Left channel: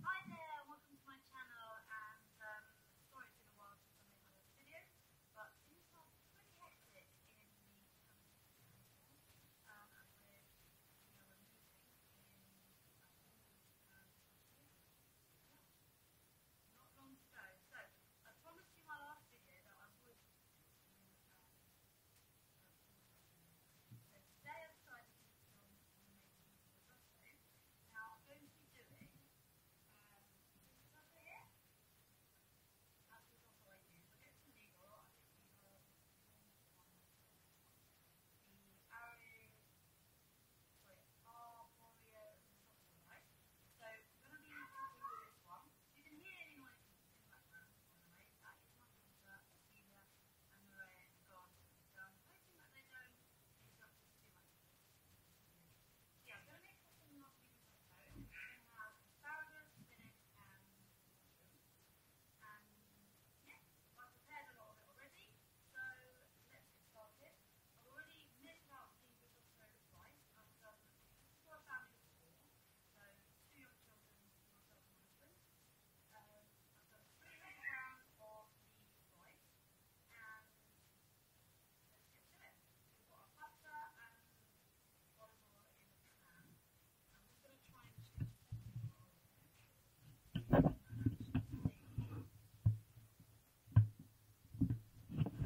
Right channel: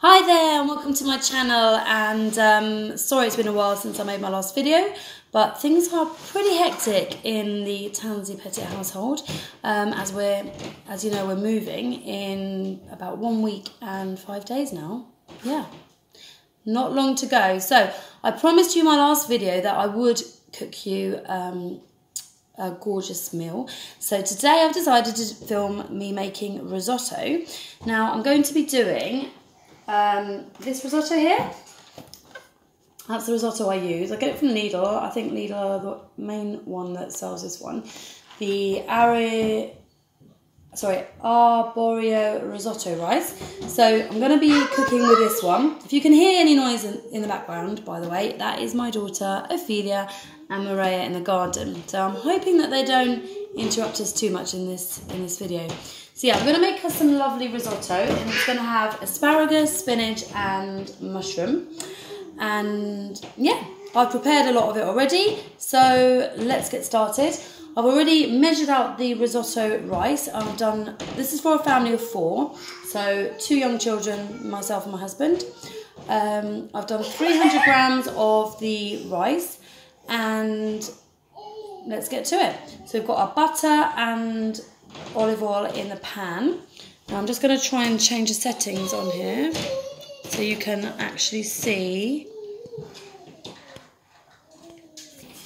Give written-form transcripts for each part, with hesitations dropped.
Hi there and welcome to my channel, and sorry it's been a while since I made my last video, but things are pretty hectic in the Tansey-Pettitt household as you know, we're moving in about 1 week and 5 days now. Yeah, not long to go. So I promised you in my last video that I would cook you a gorgeous meal. So today I've decided to film me making risotto. Now I'm going to be doing this risotto here. That's the risotto I use. I get it from Lidl. I think Lidl are the main one that sells this one. The Arborio risotto rice. So I'm going to be cooking with this one. If you can hear any noise in the background, by the way, that is my daughter Ophelia and Maria in the garden. So I'm hoping that they don't interrupt us too much in this video. So yeah, I'm going to make us some lovely risotto, and it's going to have asparagus, spinach and mushroom. And yeah, I've prepared a lot of it already, so let's get started. I've already measured out the risotto rice. This is for a family of 4, so 2 young children, myself and my husband. I've done 300 grams of the rice, and let's get to it. So we've got our butter and olive oil in the pan. Now I'm just going to try and change the settings on here so you can actually see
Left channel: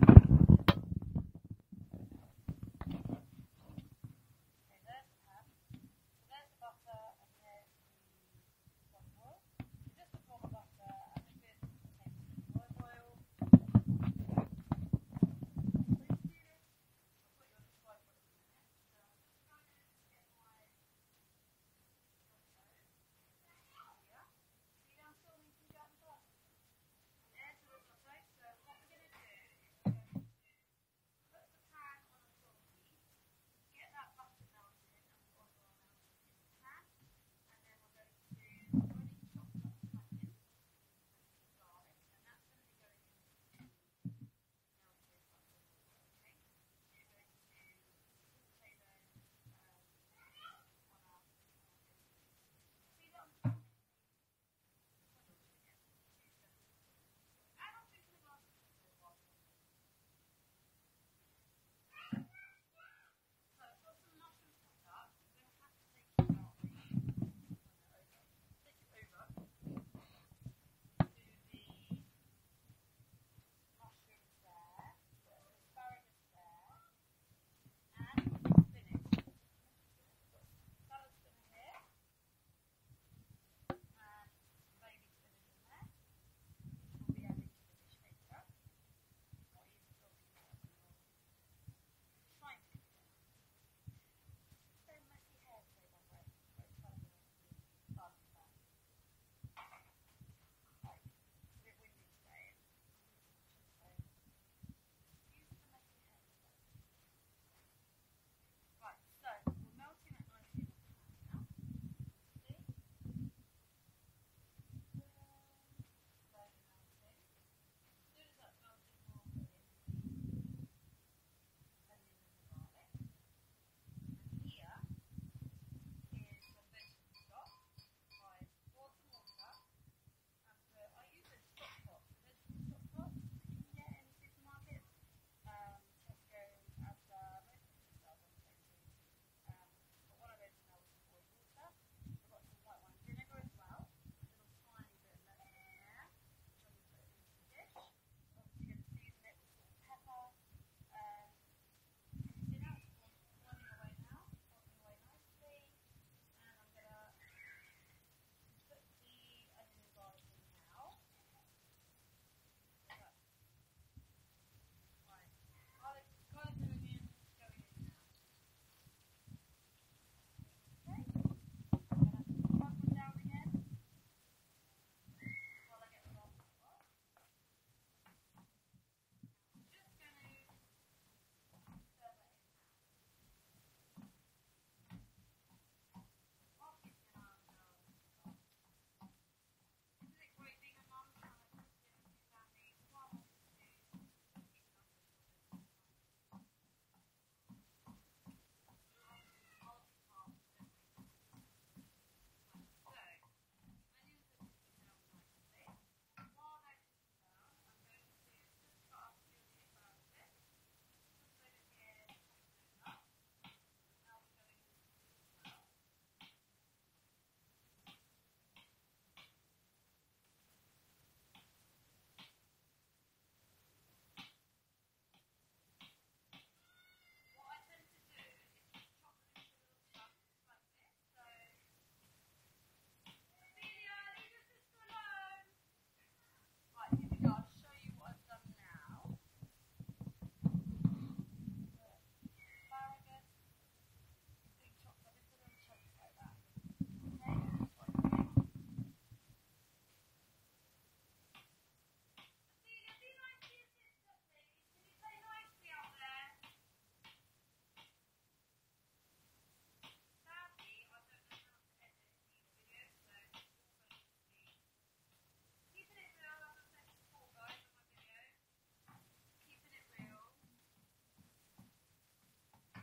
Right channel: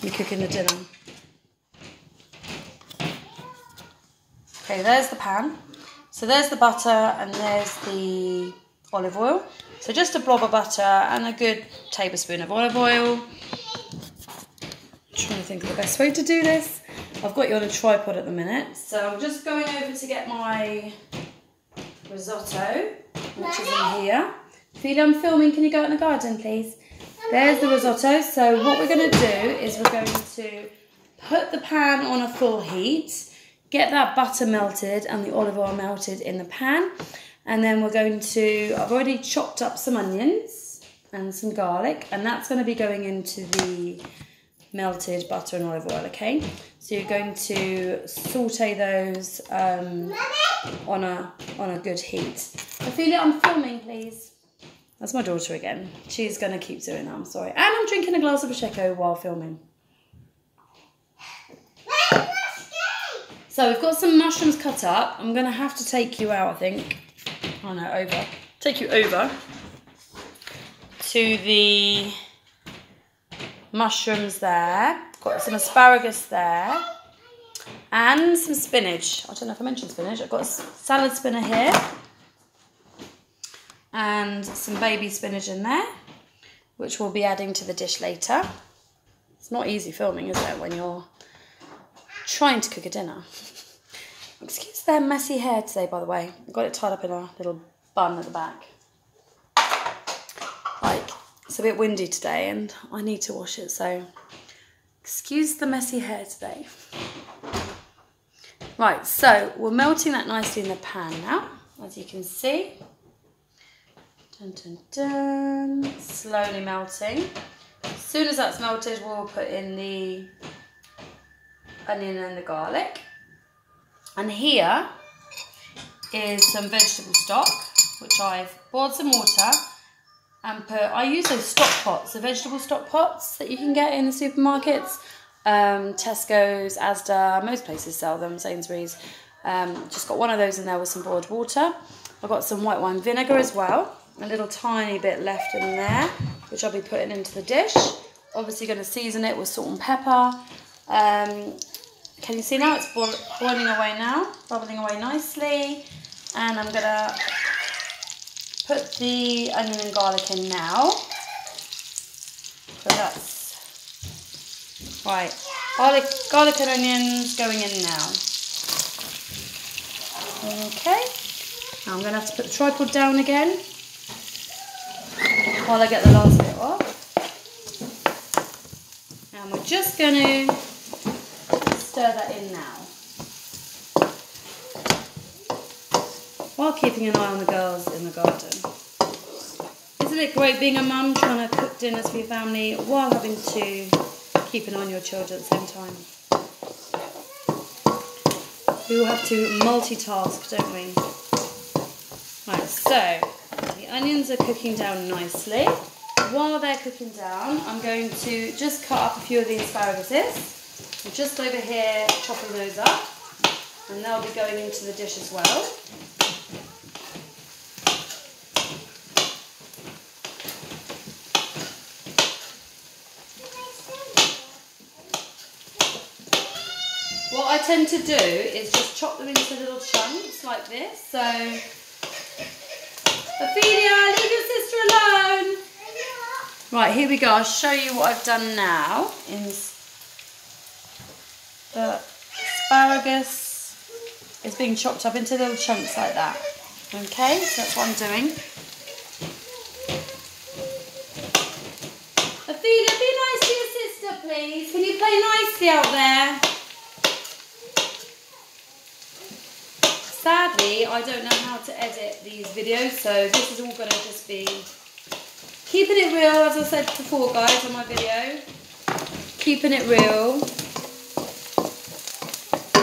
me cooking the dinner. Okay, there's the pan. So there's the butter and there's the olive oil. So just a blob of butter and a good tablespoon of olive oil. I'm trying to think of the best way to do this. I've got you on a tripod at the minute, so I'm just going over to get my risotto, which is in here. Ophelia, I'm filming, can you go out in the garden, please? There's the risotto. So what we're going to do is we're going to put the pan on a full heat, get that butter melted and the olive oil melted in the pan, and then we're going to, I've already chopped up some onions and some garlic, and that's going to be going into the melted butter and olive oil, okay? So you're going to saute those on a good heat. Ophelia, I'm filming, please. That's my daughter again. She's going to keep doing that, I'm sorry. And I'm drinking a glass of Prosecco while filming. So we've got some mushrooms cut up. I'm going to have to take you out, I think. Oh no, over. Take you over to the mushrooms there. Got some asparagus there. And some spinach. I don't know if I mentioned spinach. I've got a salad spinner here. And some baby spinach in there, which we'll be adding to the dish later. It's not easy filming, is it, when you're trying to cook a dinner. Excuse their messy hair today, by the way. I've got it tied up in a little bun at the back. It's a bit windy today and I need to wash it, so excuse the messy hair today. Right, so we're melting that nicely in the pan now, as you can see. Dun, dun, dun. Slowly melting. As soon as that's melted, we'll put in the onion and the garlic. And here is some vegetable stock, which I've boiled some water and I use those stock pots, the vegetable stock pots that you can get in the supermarkets. Tesco's, Asda, most places sell them, Sainsbury's. Just got one of those in there with some boiled water. I've got some white wine vinegar as well. A little tiny bit left in there, which I'll be putting into the dish. Obviously going to season it with salt and pepper. Can you see now? It's boiling away now, bubbling away nicely. And I'm going to put the onion and garlic in now. So that's right. Garlic and onions going in now. Okay. Now I'm going to have to put the tripod down again while I get the last bit off. And we're just going to stir that in now, while keeping an eye on the girls in the garden. Isn't it great being a mum, trying to cook dinners for your family while having to keep an eye on your children at the same time? We all have to multitask, don't we? Right, so the onions are cooking down nicely. While they're cooking down, I'm going to just cut up a few of the asparaguses. I'm just over here chopping those up, and they'll be going into the dish as well. What I tend to do is just chop them into little chunks like this. So, Ophelia, leave your sister alone. Right, here we go. I'll show you what I've done now. In the asparagus is being chopped up into little chunks like that. Okay, so that's what I'm doing. Ophelia, be nice to your sister, please. Can you play nicely out there? Sadly, I don't know how to edit these videos, so this is all going to just be keeping it real, as I said before, guys, on my video. Keeping it real.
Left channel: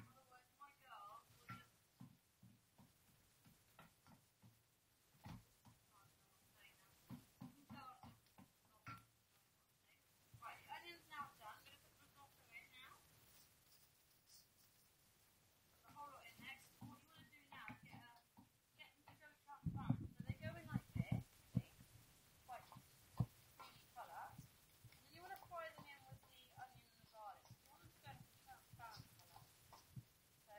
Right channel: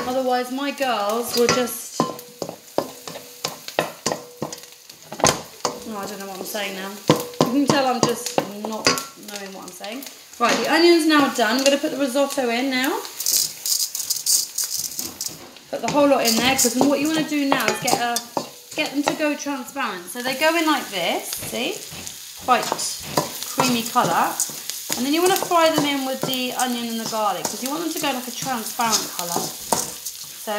Otherwise, my girls will just... Oh, I don't know what I'm saying now. You can tell I'm just not knowing what I'm saying. Right, the onion's now done. I'm going to put the risotto in now. Put the whole lot in there, because what you want to do now is get them to go transparent. So they go in like this, see? Quite creamy colour. And then you want to fry them in with the onion and the garlic, because you want them to go like a transparent colour. So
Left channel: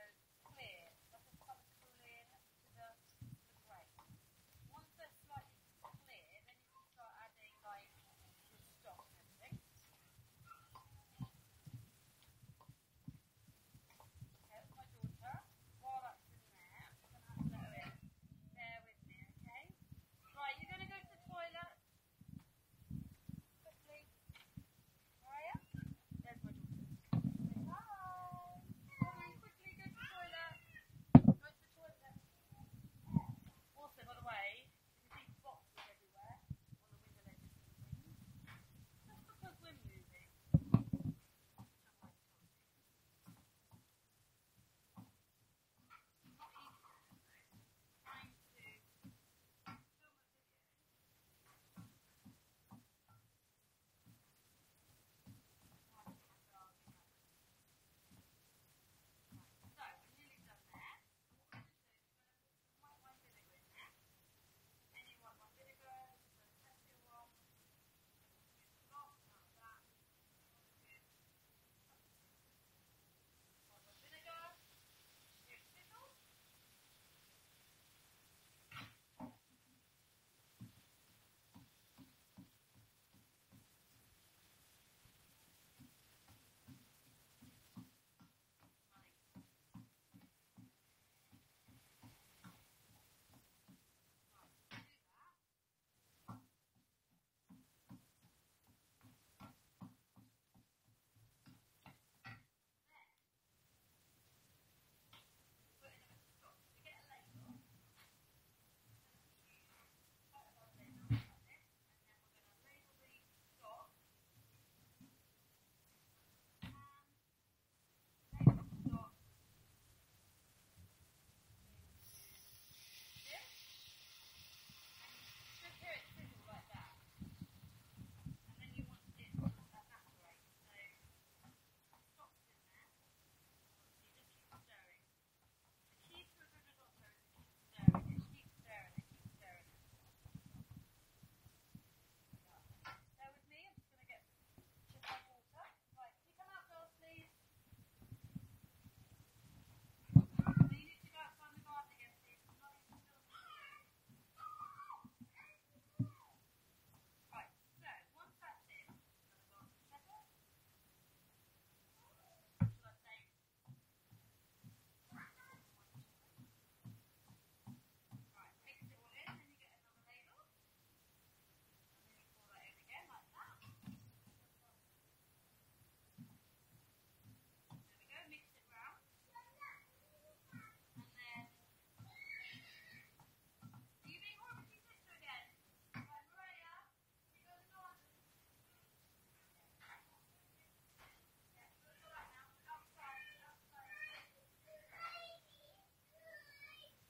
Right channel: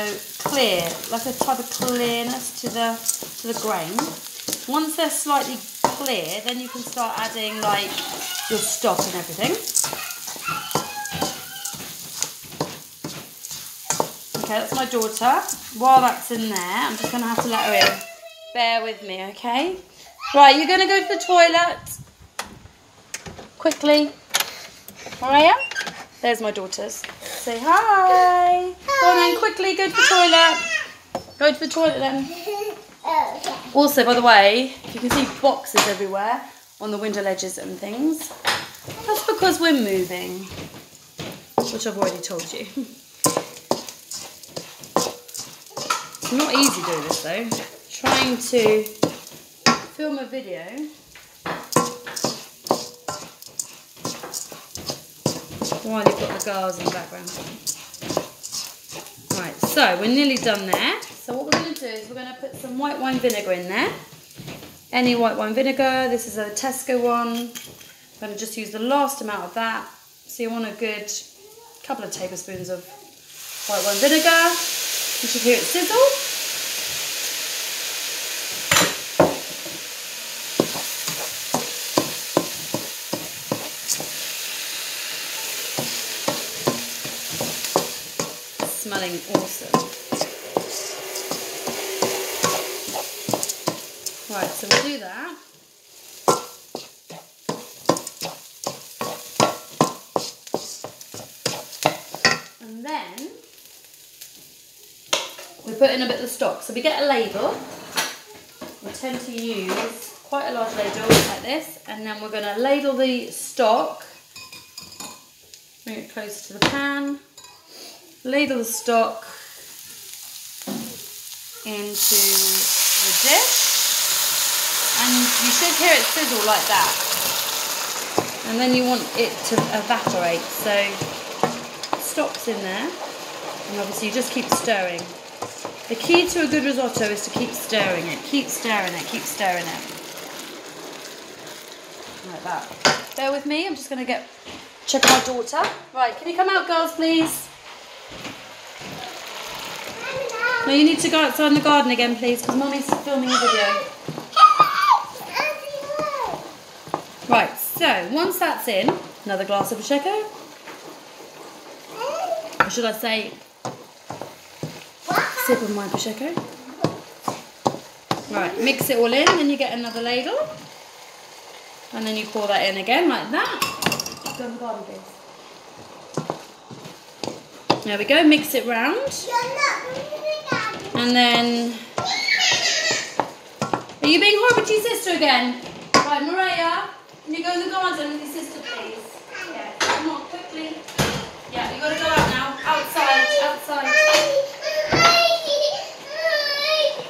clear, like a type of clearness to the grain. Once they're slightly clear, then you can start adding like your stock and everything. Okay, that's my daughter. While that's in there, I'm just going to have to let her in. Bear with me, okay? Right, you're going to go to the toilet. Quickly. Maria? There's my daughters. Say hi. Go on then, quickly, go to the toilet. Go to the toilet then. Also, by the way, you can see boxes everywhere on the window ledges and things. That's because we're moving, which I've already told you. It's not easy doing this though. Trying to film a video while you've got the girls in the background. Right, so we're nearly done there. So what we're going to do is we're going to put some white wine vinegar in there. Any white wine vinegar. This is a Tesco one. I'm going to just use the last amount of that. So you want a good couple of tablespoons of white wine vinegar. You should hear it sizzle. Smelling awesome. Right, so we'll do that. And then we put in a bit of stock. So we get a ladle. We tend to use quite a large ladle like this, and then we're going to ladle the stock. Bring it closer to the pan. Ladle the stock into the dish, and you should hear it sizzle like that. And then you want it to evaporate, so stock's in there, and obviously you just keep stirring. The key to a good risotto is to keep stirring it, keep stirring it, keep stirring it. Like that. Bear with me, I'm just going to check my daughter. Right, can you come out, girls, please? No, you need to go outside in the garden again, please, because Mummy's filming a video. Right, so once that's in, another glass of Prosecco. Or should I say, sip of my Prosecco. Right, mix it all in, then you get another ladle. And then you pour that in again, like that. Go in the garden, please. There we go, mix it round. And then... Are you being horrible to your sister again? Right, Maria, can you go in the garden with your sister, please? Yeah, come on, quickly. Yeah, you got to go out now. Outside, outside.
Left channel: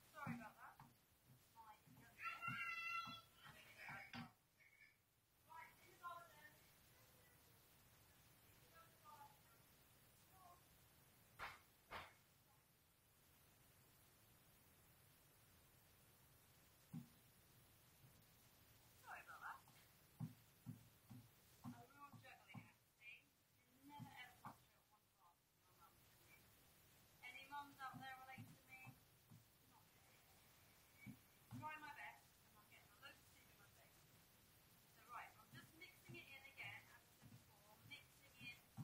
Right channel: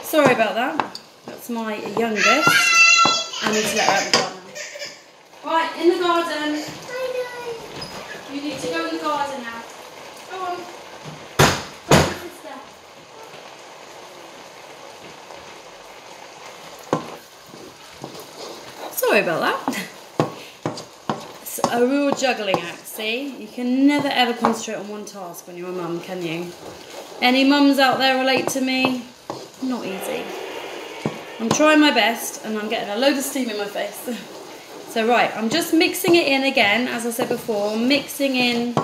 Sorry about that. That's my youngest. I need to let her out in the garden now. Right, in the garden. You need to go in the garden now. Go on. Go on, sister. Sorry about that. It's a real juggling act, see? You can never ever concentrate on one task when you're a mum, can you? Any mums out there relate to me? Not easy. I'm trying my best and I'm getting a load of steam in my face. So right, I'm just mixing it in again, as I said before, mixing in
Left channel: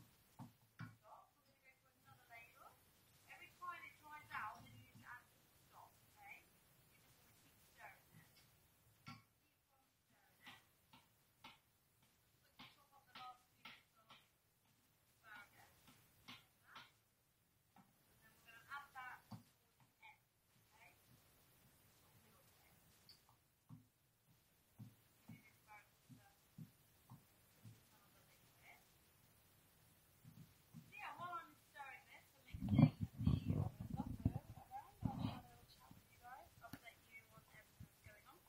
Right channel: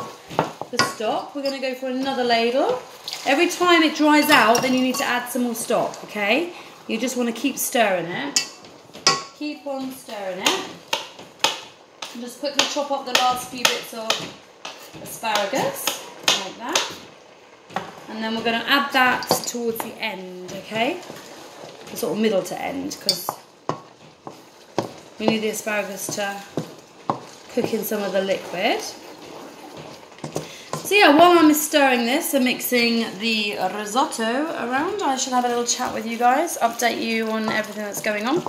the stock. We're going to go for another ladle. Every time it dries out, then you need to add some more stock, okay? You just want to keep stirring it. Keep on stirring it. And just quickly chop up the last few bits of asparagus, like that. And then we're going to add that towards the end, okay? The sort of middle to end, because we need the asparagus to cook in some of the liquid. So yeah, while I'm stirring this and mixing the risotto around, I should have a little chat with you guys, update you on everything that's going on.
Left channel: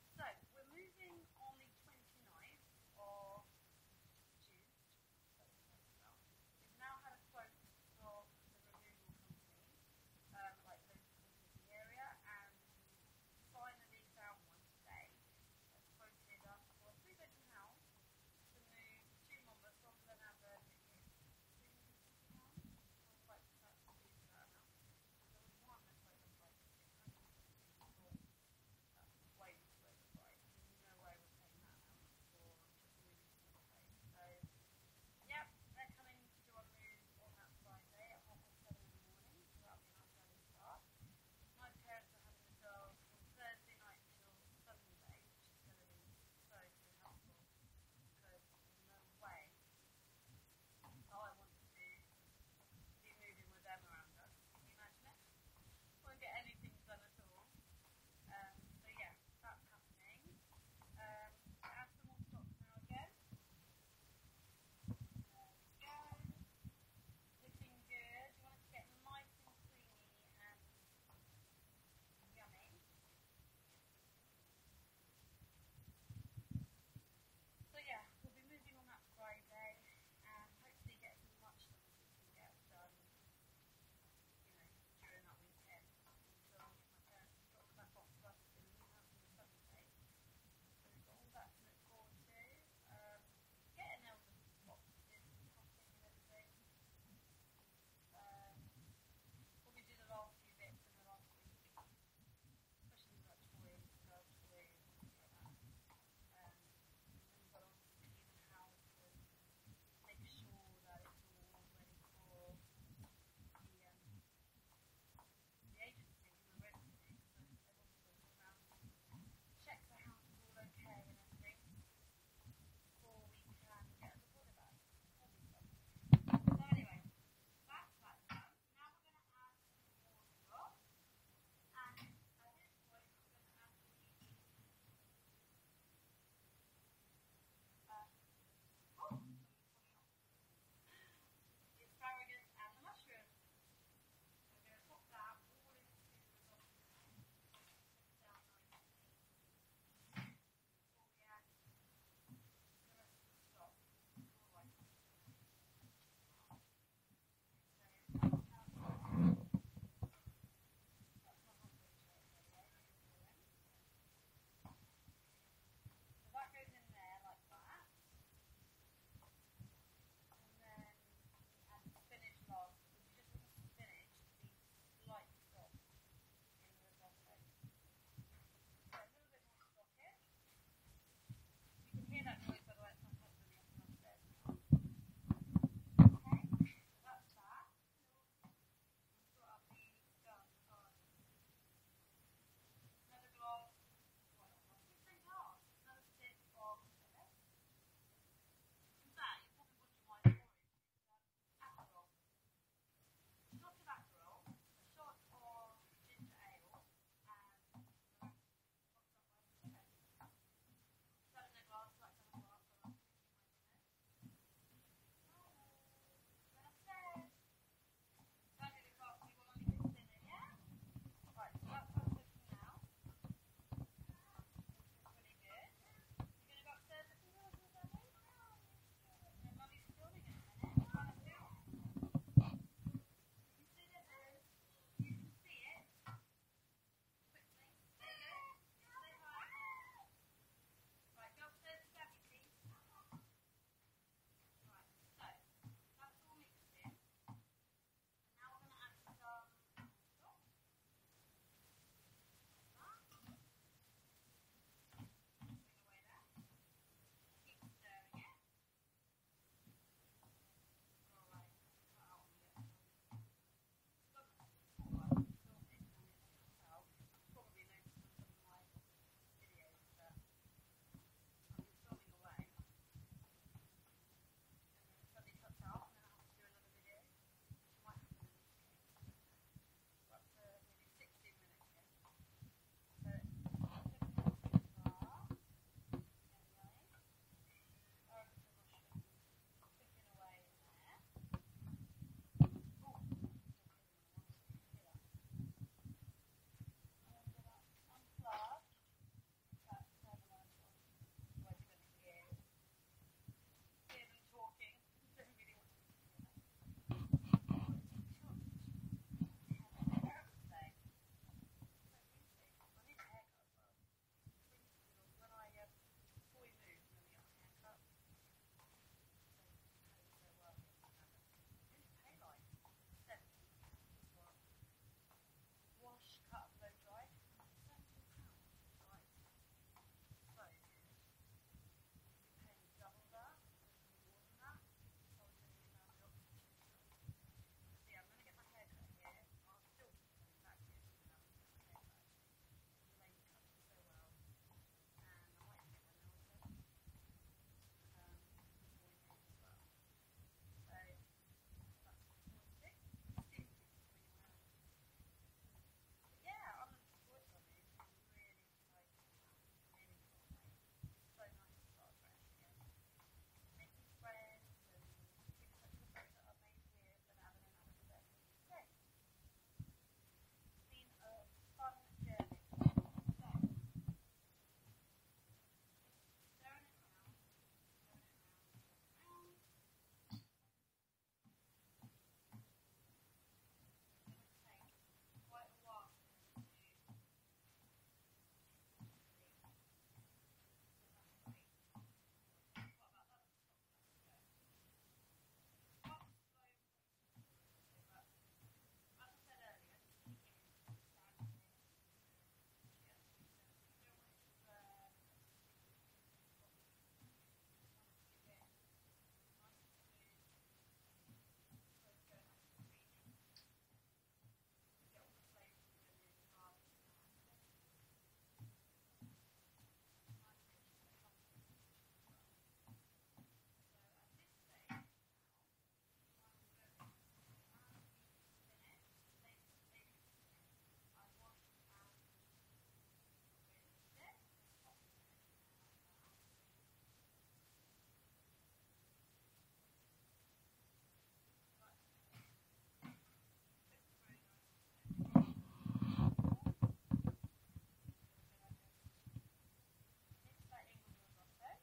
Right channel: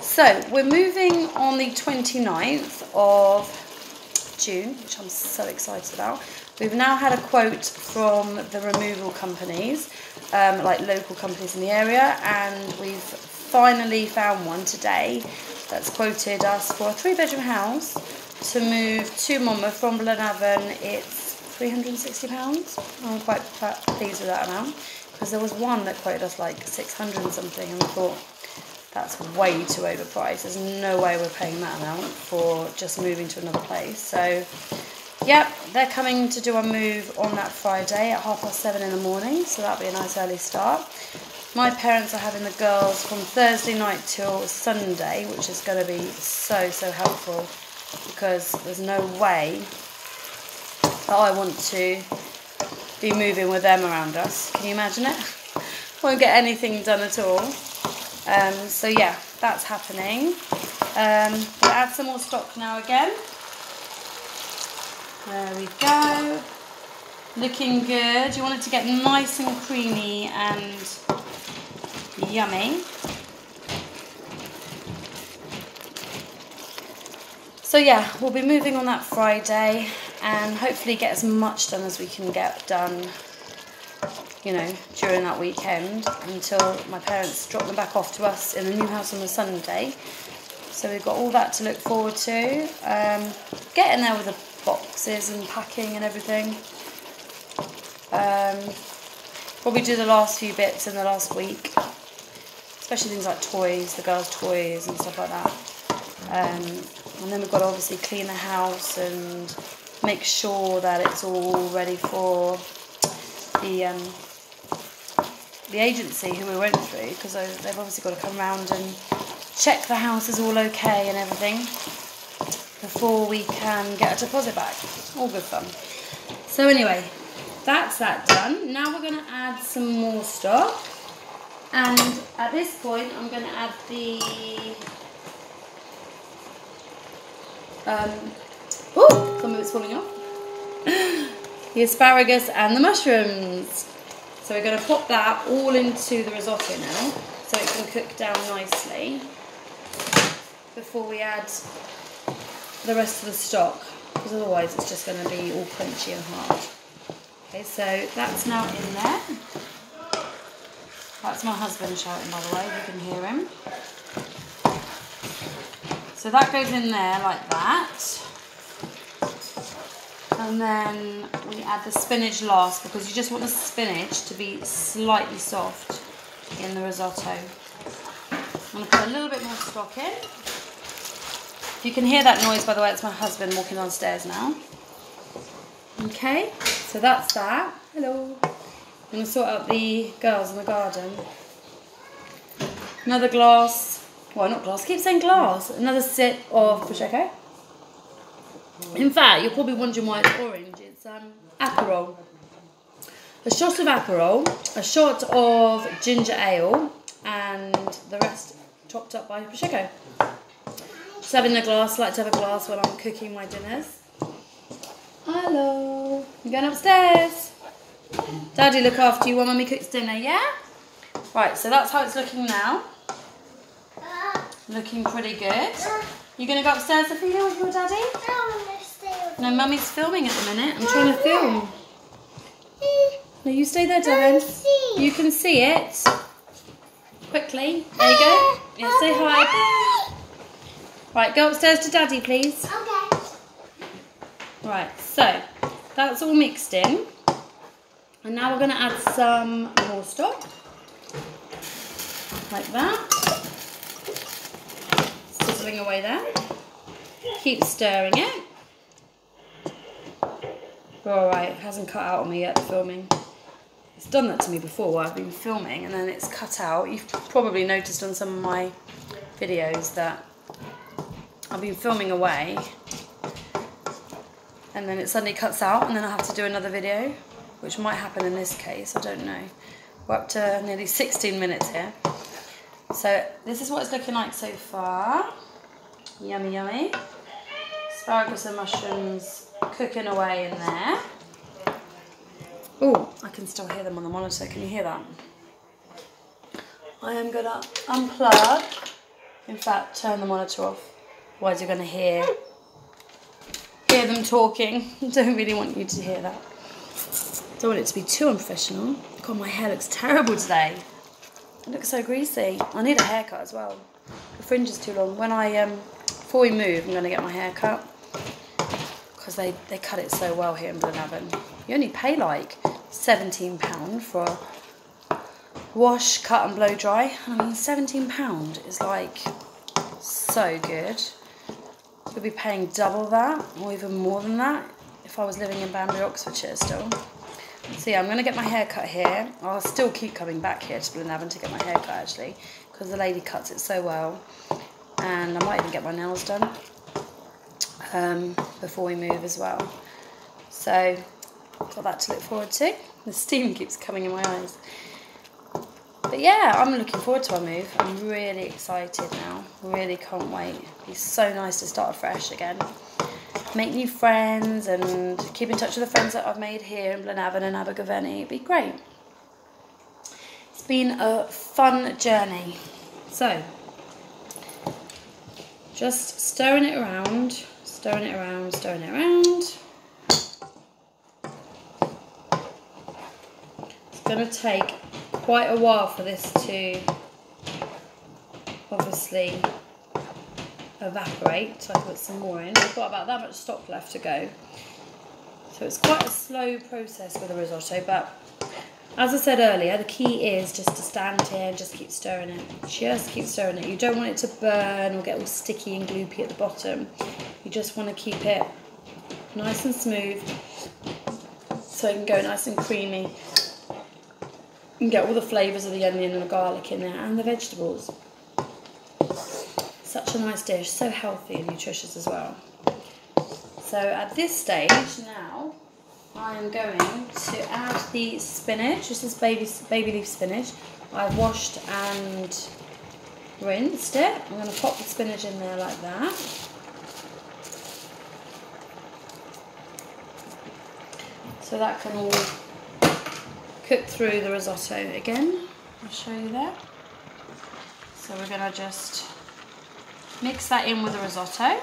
So we're moving on the 29th of June, which I'm so excited about. We've now had a quote from the removal companies, like local companies in the area, and we've finally found one today that's quoted us for a 3-bedroom house to move to Monmouth from Blenavon. It's £360. I'm quite pleased with that amount, because there was one that quoted us like 600 and something, and I thought that's way too overpriced. There's no way we're paying that amount for just moving to another place. So yep, they're coming to do a move on that Friday at 7:30 in the morning, so that'll be a nice early start. My parents are having the girls from Thursday night till Sunday, which is going to be so helpful, because there's no way that I want to be moving with them around us. Can you imagine it? Won't get anything done at all. So yeah, that's happening. We'll add some more stock now again. There we go. Looking good. You want it to get nice and creamy and yummy. So yeah, we'll be moving on that Friday and hopefully get as much done as we can get done, you know, during that weekend until my parents drop them back off to us in the new house on the Sunday. So we've got all that to look forward to. Getting there with the boxes and packing and everything. Probably do the last few bits in the last week, especially things like toys, the girls' toys and stuff like that. And then we've got to obviously clean the house and make sure that it's all ready for the agency who we went through, because they've obviously got to come round and check the house is all okay and everything before we can get a deposit back. All good fun. So anyway, that's that done. Now we're going to add some more stock, and at this point I'm going to add the some of it's falling off. The asparagus and the mushrooms. So we're going to pop that all into the risotto now, so it can cook down nicely before we add the rest of the stock, because otherwise it's just going to be all crunchy and hard. Okay, so that's now in there. That's my husband shouting, by the way, you can hear him. So that goes in there like that. And then we add the spinach last, because you just want the spinach to be slightly soft in the risotto. I'm going to put a little bit more stock in. If you can hear that noise, by the way, it's my husband walking downstairs now. Okay, so that's that. Hello. I'm going to sort out the girls in the garden. Another glass. Well, not glass, I keep saying glass. Another sip of Prosecco. In fact, you're probably wondering why it's orange. It's Aperol. A shot of Aperol, a shot of ginger ale, and the rest topped up by Prosecco. Just having a glass, like to have a glass when I'm cooking my dinners. Hello. I'm going upstairs. Daddy, look after you while Mummy cooks dinner, yeah? Right, so that's how it's looking now. Looking pretty good. You going to go upstairs, Ophelia, with your daddy? No, Mummy's filming at the minute. I'm trying to film. No, you stay there, Devin. You can see it. Quickly. There you go. Yeah, say hi. Right, go upstairs to Daddy, please. Okay. Right, so that's all mixed in. And now we're going to add some more stock. Like that. Sizzling away there. Keep stirring it. Alright, it hasn't cut out on me yet, the filming. It's done that to me before where I've been filming and then it's cut out. You've probably noticed on some of my videos that I've been filming away and then it suddenly cuts out and then I have to do another video, which might happen in this case, I don't know. We're up to nearly 16 minutes here. So this is what it's looking like so far. Yummy, yummy. Asparagus and mushrooms cooking away in there. Oh, I can still hear them on the monitor. Can you hear that? I am going to unplug. In fact, turn the monitor off. Otherwise you're going to hear them talking. Don't really want you to hear that. Don't want it to be too unprofessional. God, my hair looks terrible today. It looks so greasy. I need a haircut as well. The fringe is too long. When before we move, I'm going to get my hair cut. Because they cut it so well here in Blenavon. You only pay like £17 for a wash, cut and blow dry. I mean, £17 is like so good. I'd be paying double that or even more than that if I was living in Banbury, Oxfordshire still. So yeah, I'm going to get my hair cut here. I'll still keep coming back here to Blenavon to get my hair cut actually because the lady cuts it so well. And I might even get my nails done before we move as well. So got that to look forward to. The steam keeps coming in my eyes. But yeah, I'm looking forward to our move. I'm really excited now. Really can't wait. It's so nice to start afresh again. Make new friends and keep in touch with the friends that I've made here in Blenavon and Abergavenny. It'd be great. It's been a fun journey. So, just stirring it around, stirring it around, stirring it around. It's going to take quite a while for this to obviously evaporate, so I put some more in. I've got about that much stock left to go. So it's quite a slow process with a risotto, but as I said earlier, the key is just to stand here and just keep stirring it. Just keep stirring it. You don't want it to burn or get all sticky and gloopy at the bottom. You just want to keep it nice and smooth so it can go nice and creamy and get all the flavours of the onion and the garlic in there and the vegetables. Such a nice dish, so healthy and nutritious as well. So at this stage now, I am going to add the spinach. This is baby leaf spinach. I've washed and rinsed it. I'm going to pop the spinach in there like that. So that can all cook through the risotto again. I'll show you there. So we're going to just mix that in with the risotto.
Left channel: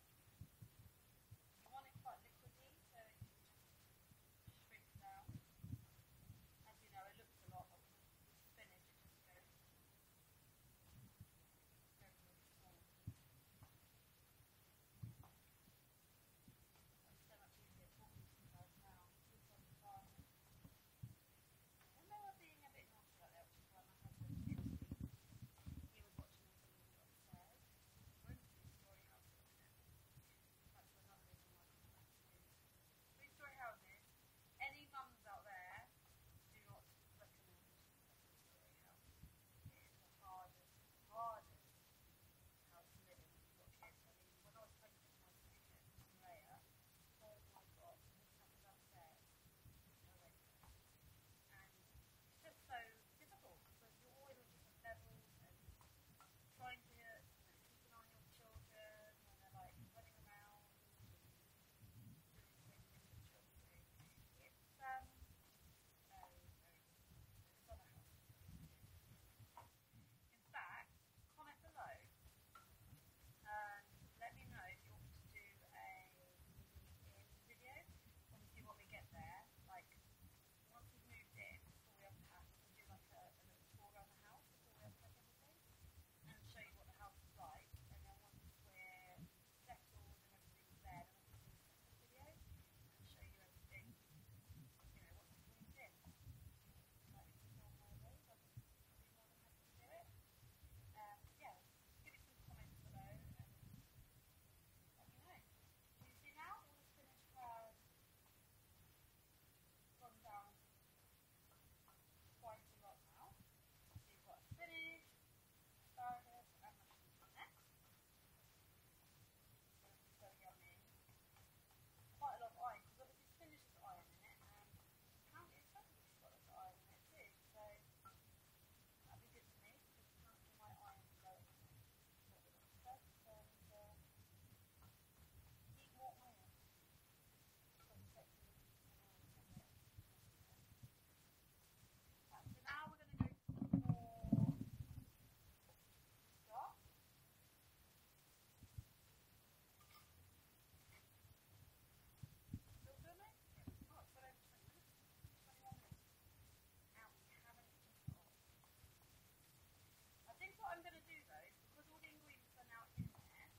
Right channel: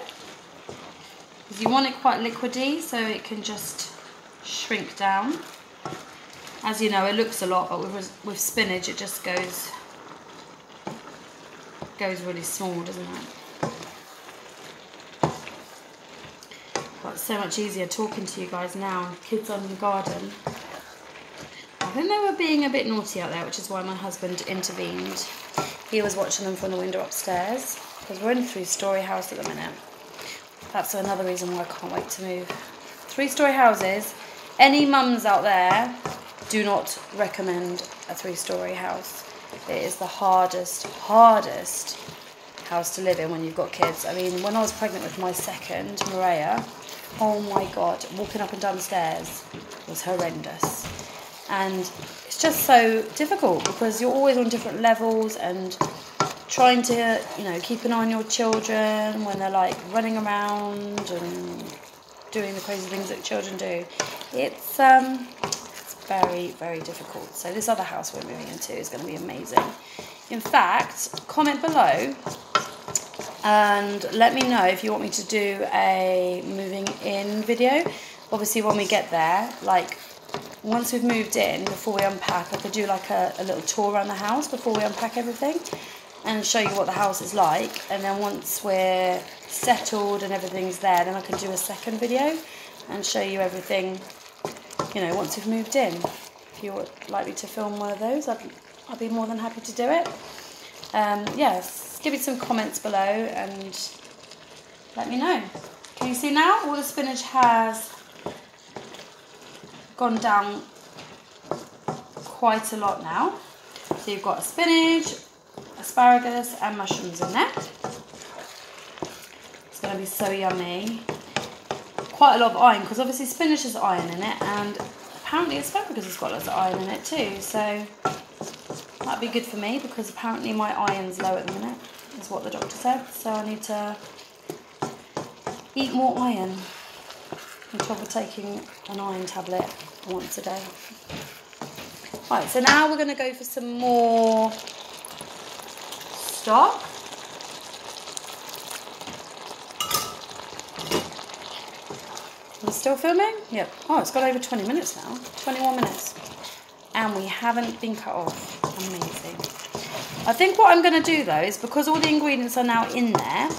Because you want it quite liquidy so it can just shrink down. As you know, it looks a lot, but with spinach it just goes really small, doesn't it? But it's so much easier talking to you guys now. Kids on the garden. I think they were being a bit naughty out there, which is why my husband intervened. He was watching them from the window upstairs, because we're in a 3-storey house at the minute. That's another reason why I can't wait to move. 3-storey houses. Any mums out there, do not recommend a 3-storey house. It is the hardest house to live in when you've got kids. I mean, when I was pregnant with my second, Maria, oh my God, walking up and down the stairs was horrendous. And it's just so difficult because you're always on different levels and trying to, you know, keep an eye on your children when they're like running around and doing the crazy things that children do. It's very, very difficult. So this other house we're moving into is going to be amazing. In fact, comment below and let me know if you want me to do a moving in video. Obviously when we get there, like once we've moved in, before we unpack, I could do like a little tour around the house before we unpack everything and show you what the house is like. And then once we're settled and everything's there, then I can do a second video and show you everything, you know, once we've moved in. If you would like me to film one of those, I'd be more than happy to do it. Yes, give me some comments below and let me know. Can you see now? All the spinach has gone down quite a lot now. So you've got spinach, asparagus and mushrooms in there. It's going to be so yummy. Quite a lot of iron, because obviously spinach has iron in it, and apparently asparagus has got lots of iron in it too, so that'd be good for me, because apparently my iron's low at the minute, is what the doctor said, so I need to eat more iron. I'm trouble taking an iron tablet once a day. Right, so now we're going to go for some more stock. We're still filming? Yep. Oh, it's got over 20 minutes now. 21 minutes. And we haven't been cut off. Amazing. I think what I'm going to do though is, because all the ingredients are now in there,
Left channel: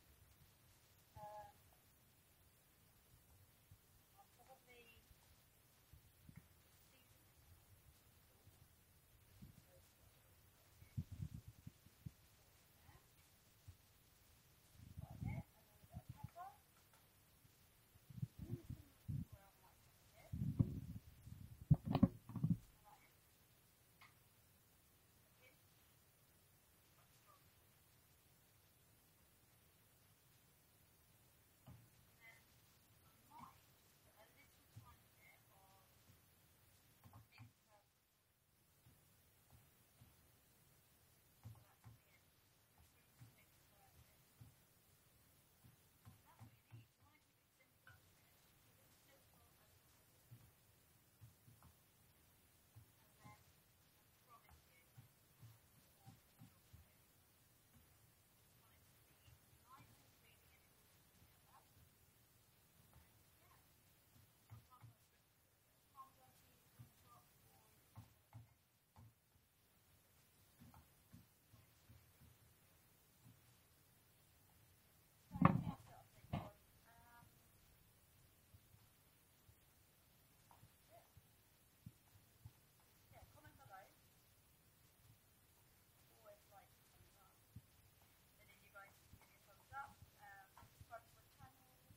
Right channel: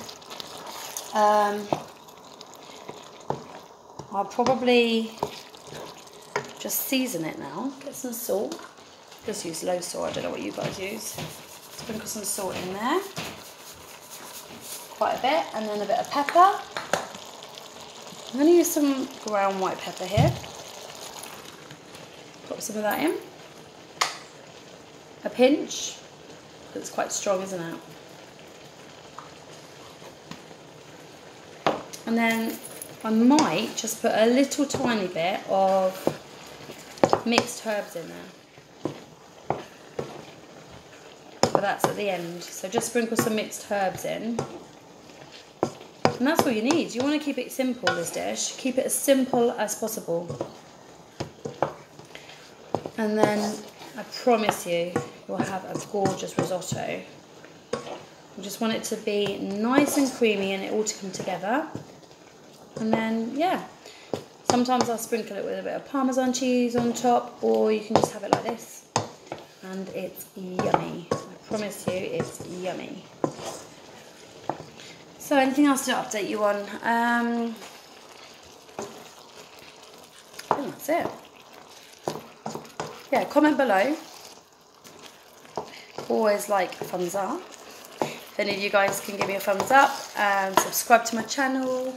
I'll probably just season it now. Get some salt. Just use low salt. I don't know what you guys use. Sprinkle some salt in there. Quite a bit. And then a bit of pepper. I'm going to use some ground white pepper here. Put some of that in. A pinch. It's quite strong, isn't it? And then I might just put a little tiny bit of mixed herbs in there. But that's at the end. So just sprinkle some mixed herbs in. And that's all you need. You want to keep it simple, this dish. Keep it as simple as possible. And then I promise you, you'll have a gorgeous risotto. You just want it to be nice and creamy and it all to come together. And then, yeah, sometimes I'll sprinkle it with a bit of Parmesan cheese on top, or you can just have it like this. And it's yummy. I promise you, it's yummy. So anything else to update you on? I think that's it. Yeah, comment below. Always like a thumbs up. If any of you guys can give me a thumbs up and subscribe to my channel,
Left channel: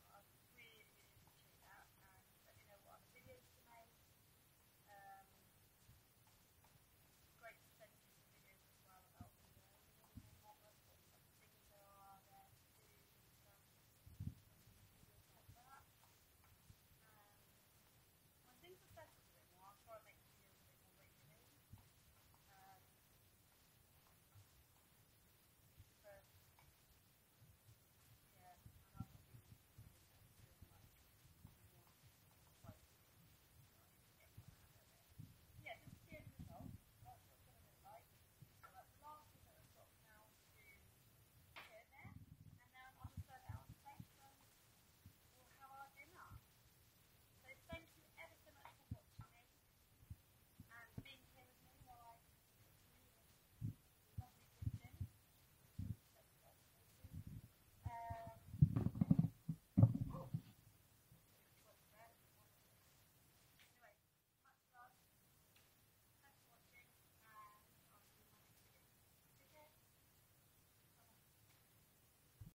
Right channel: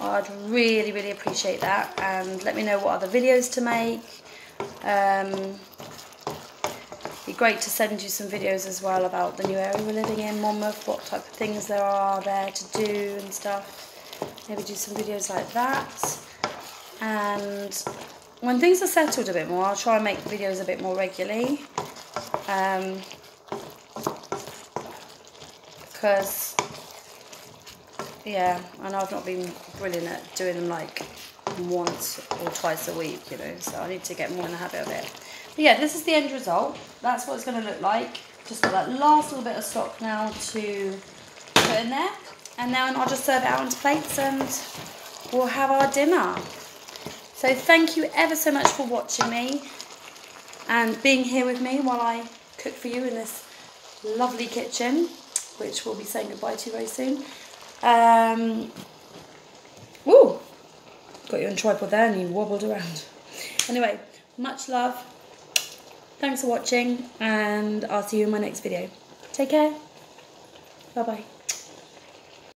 I'd really, really appreciate that. And let me know what other videos to make. Be great to send you some videos as well about the new area we're living in, Monmouth, what type of things there are there to do and stuff. Maybe do some videos like that. And when things are settled a bit more, I'll try and make videos a bit more regularly. Because, yeah, I know I've not been brilliant at doing them like once or twice a week, you know, so I need to get more in the habit of it. But yeah, this is the end result. That's what it's going to look like. Just got that last little bit of stock now to put in there. And then I'll just serve it out onto plates and we'll have our dinner. So thank you ever so much for watching me and being here with me while I cook for you in this lovely kitchen, which we'll be saying goodbye to very soon. Ooh, got you on tripod there and you wobbled around. Anyway, much love. Thanks for watching and I'll see you in my next video. Take care. Bye bye.